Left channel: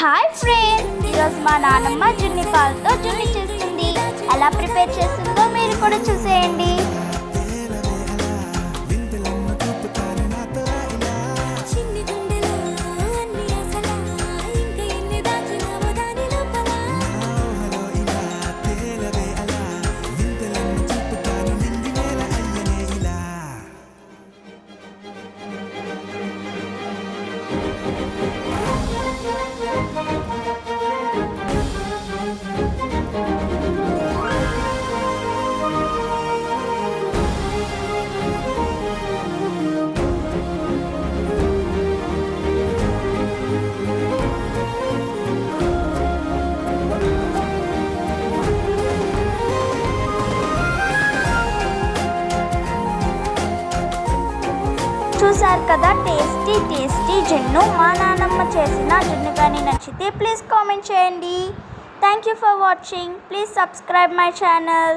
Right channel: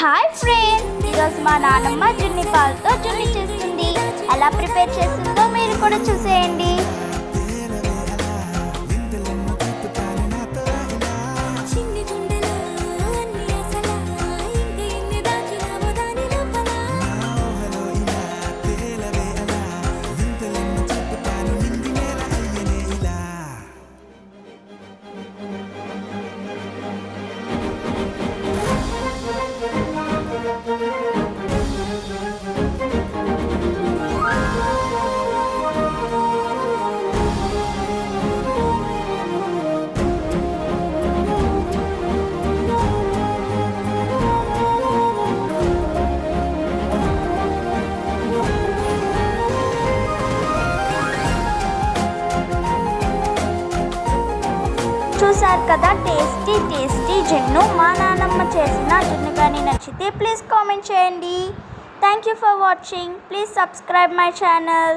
Hi friends, ఈరోజు మా నాన్నమ్మ జున్ని పాలతో జున్ని చేస్తుంది. ఎలా ప్రిపేర్ చేస్తుందో మీరు కూడా చూసేయండి. చూసారు కదా, టేస్టీ జున్ను. మా నాన్నమ్మ చేసిన జున్ను కానీ నచ్చితే ప్లీజ్ కామెంట్ చేయండి. Thank you for watching. Please subscribe my channel.